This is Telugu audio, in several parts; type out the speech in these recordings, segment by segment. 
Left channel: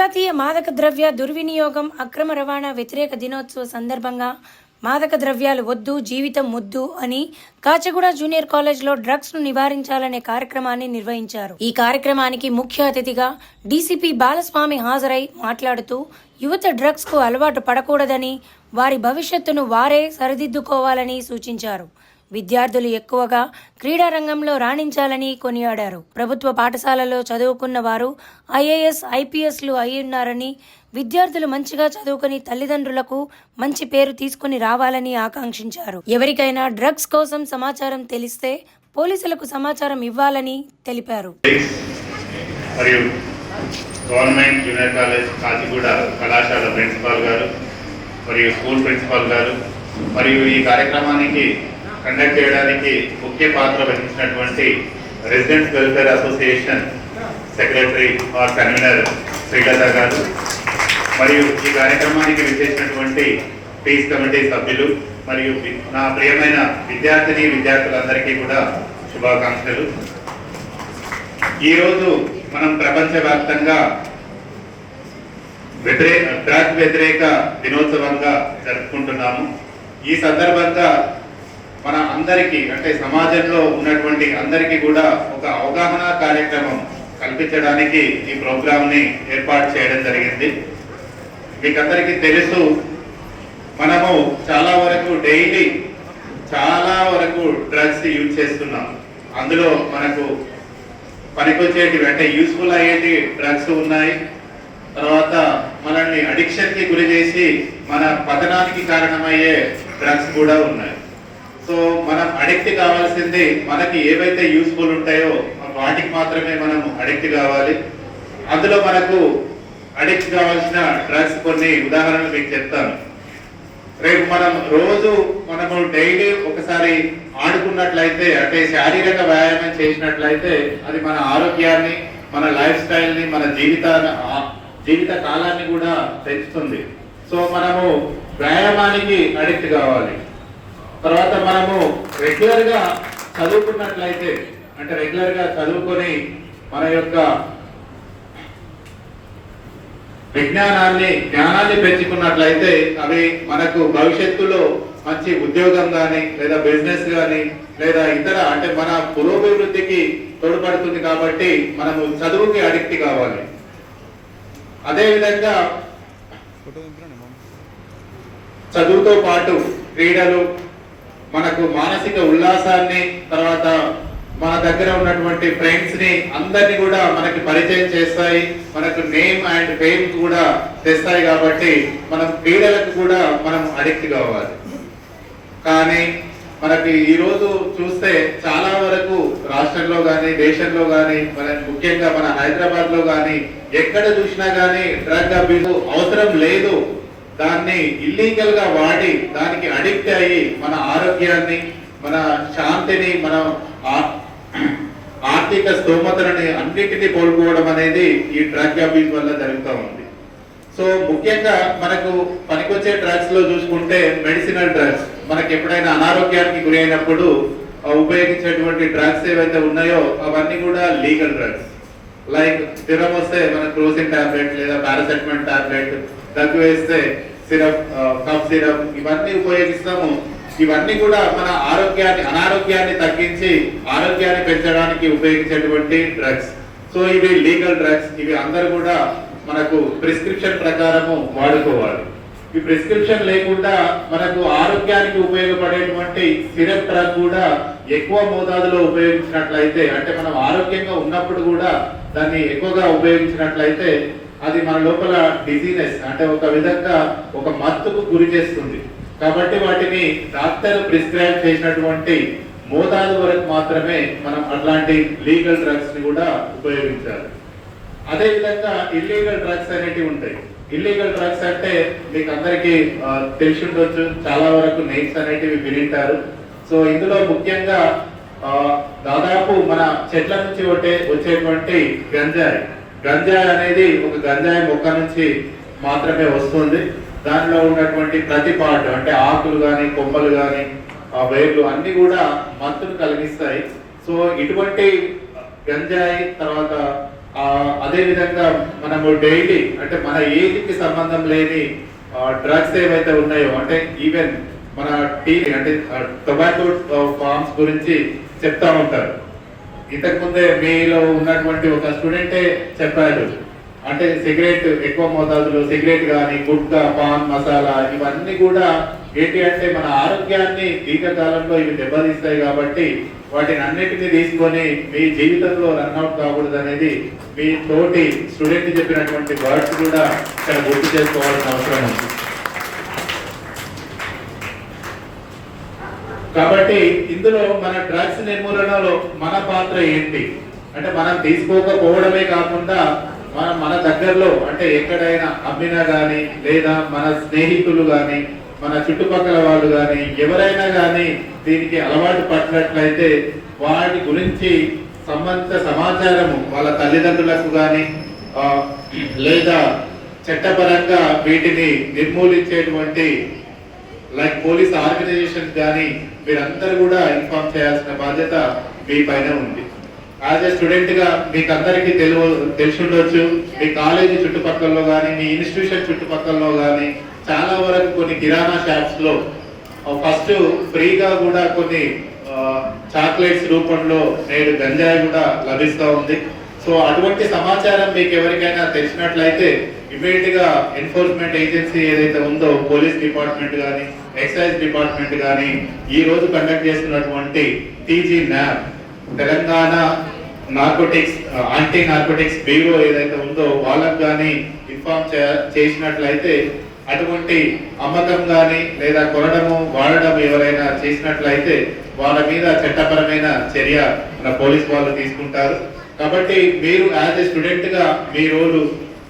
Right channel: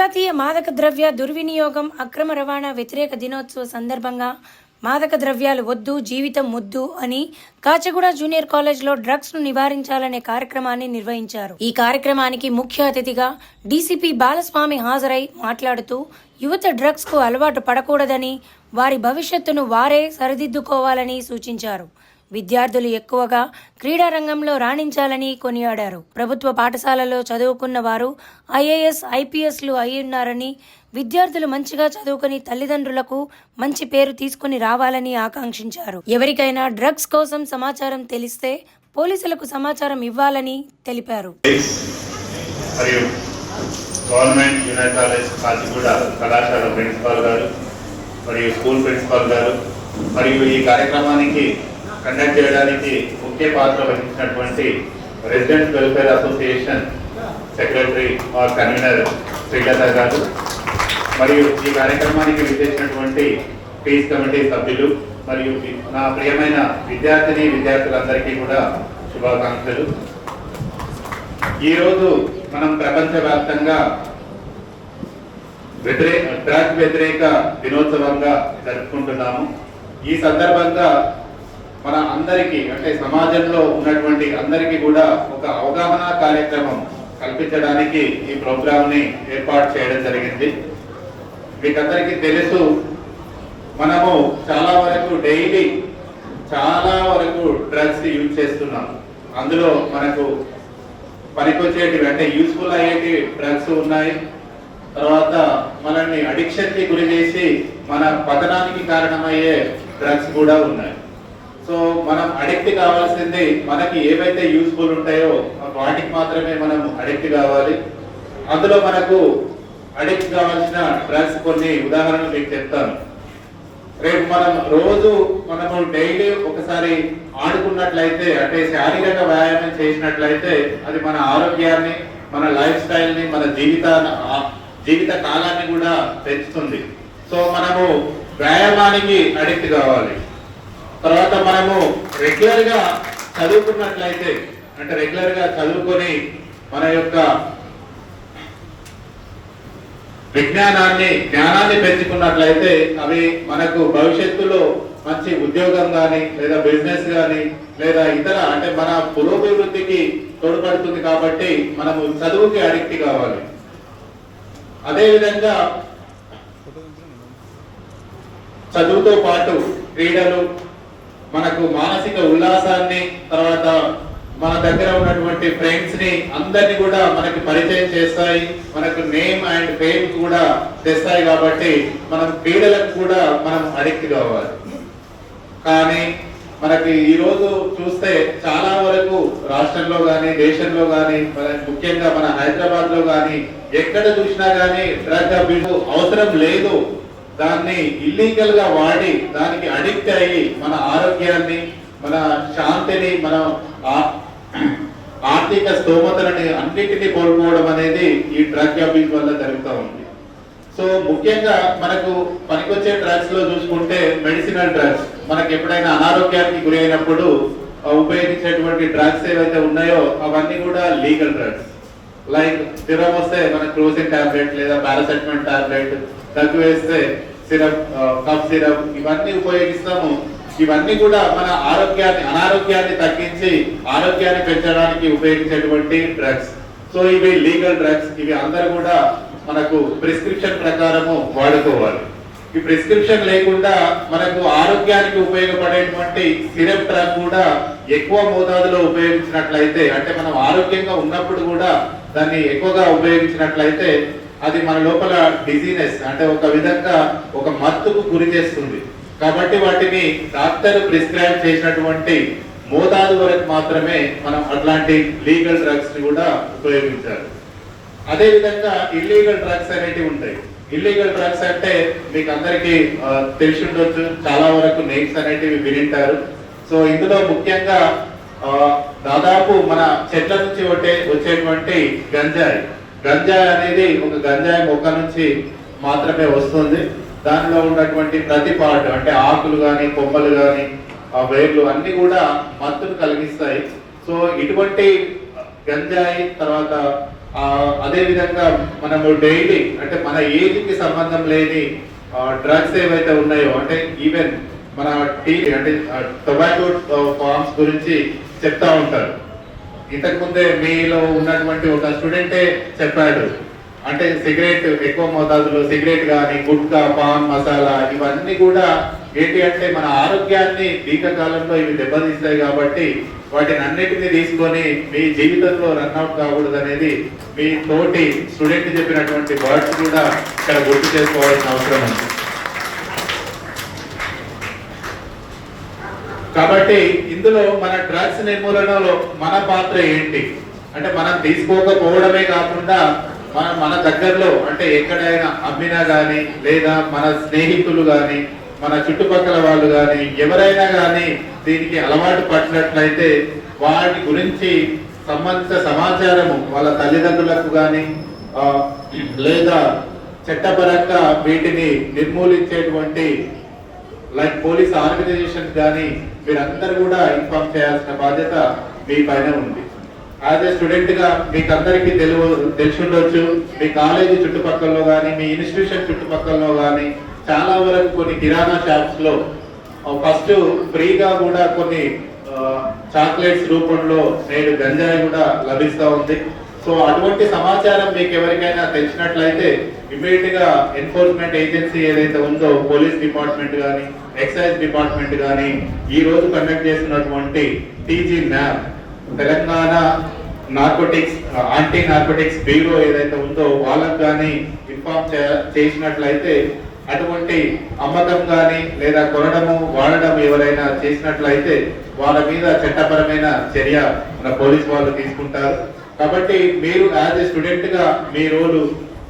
అంతర్జాతీయ మాదక ద్రవ్య దుర్వినియోగం అక్రమ రవాణా వ్యతిరేక దినోత్సవ సందర్భంగా మాదక ద్రవ్యాలు వద్దు జీవితం ముద్దు అని కాచగూడ జూనియర్ కాలేజ్లో డ్రగ్స్ను నివారించాలనే కార్యక్రమాన్ని నిర్వహించారు. ఈ కార్యక్రమానికి ముఖ్య అతిథిగా డీసీపీ బాలస్వామి హాజరై మాట్లాడుతూ యువత డ్రగ్స్కు అలవాటు పడకూడదని వారి భవిష్యత్తును వారే సరిదిద్దుకోవాలని సూచించారు. విద్యార్థులు ఎక్కువగా క్రీడా రంగంలో రాణించాలని కొనియాడారు. ప్రభుత్వ పాఠశాలలో చదువుకున్న వారు ఐఏఎస్ ఐపీఎస్లు అయి ఉన్నారని విద్యార్థులు మంచిగా చదువుకుని తల్లిదండ్రులకు మంచి పేరు తీసుకుని రావాలని ఆకాంక్షించారు. ఎవరికైనా డ్రగ్స్ కోసం సమాచారం తెలిస్తే పోలీసులకు సమాచారం ఇవ్వాలని తెలిపారు. మరియు గవర్నమెంట్ జూనియర్ కాలేజ్ కాచిగూడ కళాశాల ప్రిన్సిపాల్ గారు మరియు స్కూల్ ప్రిన్సిపాల్ గారు మరియు ఈ కార్యక్రమానికి కండక్ట్ చేయడానికి ముఖ్య పాత్ర వహించినటువంటి resident welfare association secretary R convener Srilatha garu. మరియు ఈ కార్యక్రమానికి విచ్చేసినటువంటి పీస్ కమిటీ సభ్యులు మరియు నా ప్రియమైన విద్యార్థిని విద్యార్థులందరికీ కూడా శుభాకాంక్షలు. ఈరోజు మనం ప్రపంచవ్యాప్తంగా వ్యతిరేక డ్రగ్ వ్యతిరేక దినోత్సవంగా జరుపుకుంటున్నాము. ఈ సందర్భంగా మన అందరికీ అంటే సమాజంలో ఉన్నటువంటి అందరికీ కూడా ఒక అవగాహన కార్యక్రమం కల్పించడానికి ఈ ప్రోగ్రామ్ని ఏర్పాటు చేయడం జరిగింది. మీకందరికీ తెలుసు మనము చాలా వరకు డైలీ చాలా వరకు డ్రగ్స్ యూజ్ చేస్తున్నాం. అందులో మనకు పనికొచ్చేటివి అంటే యూస్ఫుల్ అయ్యేటి డ్రగ్స్ ఉన్నాయి. తర్వాత మనల్ని అడిక్షన్కి గురి చేసి మన పతనానికి కారణమయ్యే డ్రగ్స్ కూడా ఉన్నాయి. సో మనం అడిక్ట్ కావాల్సింది మనకి ఏవైతే యూస్ఫుల్ ఉంటాయో వాటికి మాత్రమే మనం అడిక్ట్ కావాలి. అందులో మనకు అడిక్ట్ కావాల్సిన డ్రగ్స్ కొన్ని ఉదాహరణలు మీకు చెప్తాను. రేపు మనం రోజు మనము డైలీ ఒకసారి ఆడుకున్నట్లయితే అంటే శారీరక వ్యాయామం చేసినట్లయితే అది మన ఆరోగ్యాన్ని మన లైఫ్ స్టైల్ని మన జీవితాన్ని జీవిత కాలాన్ని కూడా పెంచుతుంది. సో మనము వ్యాయామానికి అడిక్ట్ కావాలి. తర్వాత మనము రెగ్యులర్గా చదువుకున్నట్లయితే అంటే రెగ్యులర్గా చదువుకొని మన యొక్క విజ్ఞానాన్ని జ్ఞానాన్ని పెంచుకున్నట్లయితే అవి మనకు భవిష్యత్తులో మంచి ఉద్యోగం కానీ లేదా బిజినెస్ కానీ లేదా ఇతర అంటే మన పురోభివృద్ధికి తోడ్పడుతుంది కాబట్టి మనము చదువుకి అడిక్ట్ కావాలి. అదేవిధంగా చదువుతో పాటు క్రీడలు మనకు మానసిక ఉల్లాసాన్ని తర్వాత మన దగ్గర ఉన్నటువంటి ఫ్రెండ్స్ని అందరిని కూడా మనకి పరిచయం చేస్తాయి. మనకు నేమ్ అండ్ ఫేమ్ కూడా తెస్తాయి కాబట్టి మనం క్రీడలకు కూడా మనం అడిక్ట్ కావాలి. కానీ మనకి ఈ రోజు చూస్తే చాలా వరకు రాష్ట్రంలో కానీ దేశంలో కానీ మన ముఖ్యంగా మన హైదరాబాద్లో గాని ఎక్కడ చూసినా గానీ డ్రగ్ అబ్యూస్ అవసరం లేదు. దాన్ని ఇల్లీగల్గా వాడి దానికి అడిక్ట్ అయ్యి మన ఆరోగ్యాన్ని మన శాంతిని మన ఆర్థిక స్తోమతలని అన్నింటినీ కోల్పోవడం అనేది ఈ డ్రగ్ అబ్యూస్ వల్ల జరుగుతూ ఉంది. సో ముఖ్యంగా మనకు పనికొచ్చే డ్రగ్స్లో చూసుకుంటే మెడిసినల్ డ్రగ్స్ మనకి ఎప్పుడైనా అనారోగ్యానికి గురి అయినప్పుడు ఉపయోగించేటువంటి డ్రగ్స్ ఏవైతే ఉన్నాయో అవన్నీ కూడా లీగల్ డ్రగ్స్ లైక్ జ్వరం వస్తే మన క్రోసిన్ టాబ్లెట్ లేదా పారాసెటమాల్ టాబ్లెట్ దగ్గు వేస్తే సిరప్ కఫ్ సిరప్ ఇవన్నీ ఉపయోగిస్తాము. ఇవన్నీ కూడా మన ఆరోగ్యాన్ని అనారోగ్యాన్ని తగ్గించి ఆరోగ్యాన్ని పెంచడానికి ఉపయోగించేటువంటి డ్రగ్స్ సో ఇవి లీగల్ డ్రగ్స్ ఇవి అందరు కూడా మనకు ప్రిస్క్రిప్షన్ ప్రకారము వాడుకోవాలి. ఈ ప్రిస్క్రిప్షన్ లేకుండా మనకు ఆరోగ్యానికి ఉపయోగపడేటువంటి సిరప్ డ్రగ్ కూడా ఎక్కువ మోతాదులో ఉపయోగించినట్లయితే అంటే మనం ఆరోగ్యంగా ఉన్నప్పుడు కూడా దాన్ని ఎక్కువగా ఉపయోగించినట్లయితే అది మన లోపల డిజీనెస్ అంటే ఒక విధంగా ఒక మత్తుకు గురి చేస్తుంది. కాబట్టి వాటిని డాక్టర్ ప్రిస్క్రైబ్ చేసినటువంటి మోతాదు వరకు మాత్రమే మనం అట్లాంటి లీగల్ డ్రగ్స్ని కూడా ఉపయోగించాలి. అదే విధంగా ఇల్లీగల్ డ్రగ్స్ అనేటివి ఉంటాయి. ఇల్లీగల్ డ్రగ్స్ అంటే మీకు అందరికీ తెలిసి ఉండొచ్చు. చాలా వరకు నేమ్స్ అనేటివి వినింటారు. సో ఇందులో ముఖ్యంగా దాదాపు మన చెట్ల నుంచి వచ్చే వచ్చేటువంటి గంజాయి. గంజాయి అనేది ఒక గంజాయి మొక్క నుంచి మాత్రమే వస్తుంది. దానిలో ఉన్నటువంటి ప్రతి పార్ట్ అంటే ఆకులు కానీ కొమ్మలు కానీ ఆ వేర్లు అన్ని కూడా మత్తును కలిగిస్తాయి. సో ఇటువంటి గంజాయి తర్వాత అదే విధంగా మనము డైలీ అంటే మన ఏజ్కి సంబంధం లేని డ్రగ్స్ ఏవైతే ఉన్నాయో అంటే ఈవెన్ మన టీ అంటే టొబాకో ఫార్మ్స్ గురించి చెప్తా ఉంటారు. ఇంతకు ముందే మీలో ఉన్నటువంటి ఒక స్టూడెంటే చెప్పాడు. అంటే సిగరెట్ ఎక్కువ మోతాదులో సిగరెట్ కానీ గుట్కా పాన్ మసాలా ఇవన్నీ కూడా ఏంటి అంటే మన ఆరోగ్యాన్ని దీర్ఘకాలంలో ఇవి దెబ్బతీస్తాయి కాబట్టి వాటిని అన్నిటిని తీసుకొని మీ జీవితంలో రన్అట్ కాకూడదు అనేది మీ తోటి స్టూడెంట్ చెప్పినటువంటి వర్డ్స్ కూడా ఇక్కడ గుర్తు చేసుకోవాల్సిన అవసరం ఉంది. కాబట్టి ఇందులో మన డ్రగ్స్ నిర్మూలనలో మన పాత్ర ఏంటి? అంటే మనం తీసుకోకపోవడమే కాకుండా మన మన దగ్గరలో అంటే ఎక్కడైనా అమ్మినా కానీ లేదా మన స్నేహితులు కానీ మన చుట్టుపక్కల వాళ్ళు కానీ ఎవరైనా కానీ దీనికి అలవాటు పట్టినట్లయితే వాటి గురించి సంబంధిత సమాచారము వాళ్ళ తల్లిదండ్రులకు కానీ లేదా చట్టపరంగా వీటిని నిర్మూలించేటువంటి లైక్ పోలీస్ ఆర్గనైజేషన్ కానీ మీరందరూ కూడా ఇన్ఫార్మ్ చేయాల్సిన బాధ్యత మీ పైన ఉంది. యాజ్ ఎ స్టూడెంట్గా మీకు అందరికీ తెలుగు తెలిసి ఉండొచ్చు మీ కాలేజీ చుట్టుపక్కలలో కానీ మీ ఇన్స్టిట్యూషన్ చుట్టుపక్కలలో కానీ చాలా వరకు కొన్ని కిరాణా షాప్స్లో ఫస్ట్ ఫ్రీగా కూడా కొన్ని చాక్లెట్స్ రూపంలో నేడు గంజాయి కూడా లభిస్తూ ఉంది. సో అటువంటి సమాచారం మీకు ఎవరికైనా తెలిసినట్లయితే ఇమీడియట్గా ఎన్ఫోర్స్మెంట్ ఏజెన్సీ ఏదైతే ఉందో పోలీస్ డిపార్ట్మెంట్ కానీ ఎక్సైజ్ డిపార్ట్మెంట్ కానీ ఈ రోజు కండక్ట్ చేస్తున్నటువంటి TG lab Telangana narcotics anti narcotics bureau ఏదైతే ఉందో వాళ్ళకు కానీ ఇన్ఫార్మ్ చేసినట్లయితే అటువంటి అమ్మకం కానీ లేదా కొనడము వాడడం ఎవరైనా చేసినట్లయితే వాళ్ళ మీద చట్టపరమైన చర్య మన పోలీస్ వాళ్ళు తీసుకుంటారు. కాబట్టి మీరు యాజ్ ఏ స్టూడెంట్గా మీ రోలు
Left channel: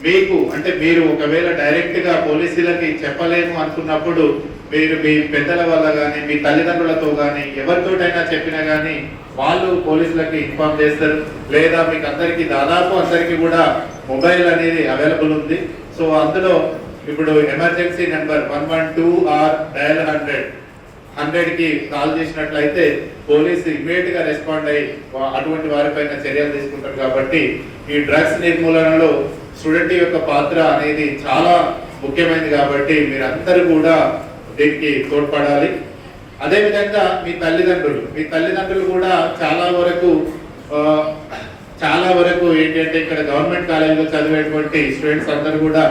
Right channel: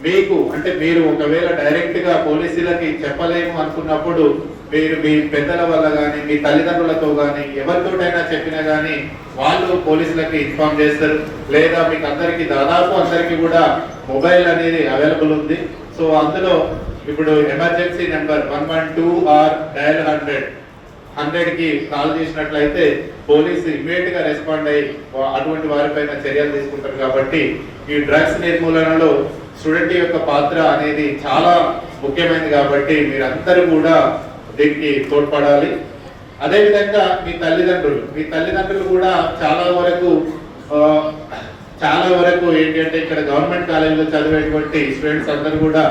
మీకు అంటే మీరు ఒకవేళ డైరెక్ట్గా పోలీసులకి చెప్పలేము అనుకున్నప్పుడు మీరు మీ పెద్దల వల్ల కానీ మీ తల్లిదండ్రులతో కానీ ఎవరితోటైనా చెప్పినా కానీ వాళ్ళు పోలీసులకి ఇన్ఫామ్ చేస్తారు. లేదా మీకు అందరికి దాదాపు అందరికి కూడా మొబైల్ అనేది అవైలబుల్ ఉంది. సో అందులో ఇప్పుడు emergency number one one two or dial hundred. హండ్రెడ్కి కాల్ చేసినట్లయితే పోలీసు ఇమీడియట్గా రెస్పాండ్ అయ్యి అటువంటి వారిపైన చర్యలు తీసుకుంటారు కాబట్టి ఈ డ్రగ్స్ నిర్మూలనలో స్టూడెంట్ యొక్క పాత్ర అనేది చాలా ముఖ్యమైనది కాబట్టి మీరందరూ కూడా దీనికి తోడ్పడాలి. అదేవిధంగా మీ తల్లిదండ్రులు మీ తల్లిదండ్రులు కూడా చాలా వరకు చాలా వరకు ఏంటంటే ఇక్కడ గవర్నమెంట్ కాలేజీలో చదివేటువంటి స్టూడెంట్స్ అందరూ కూడా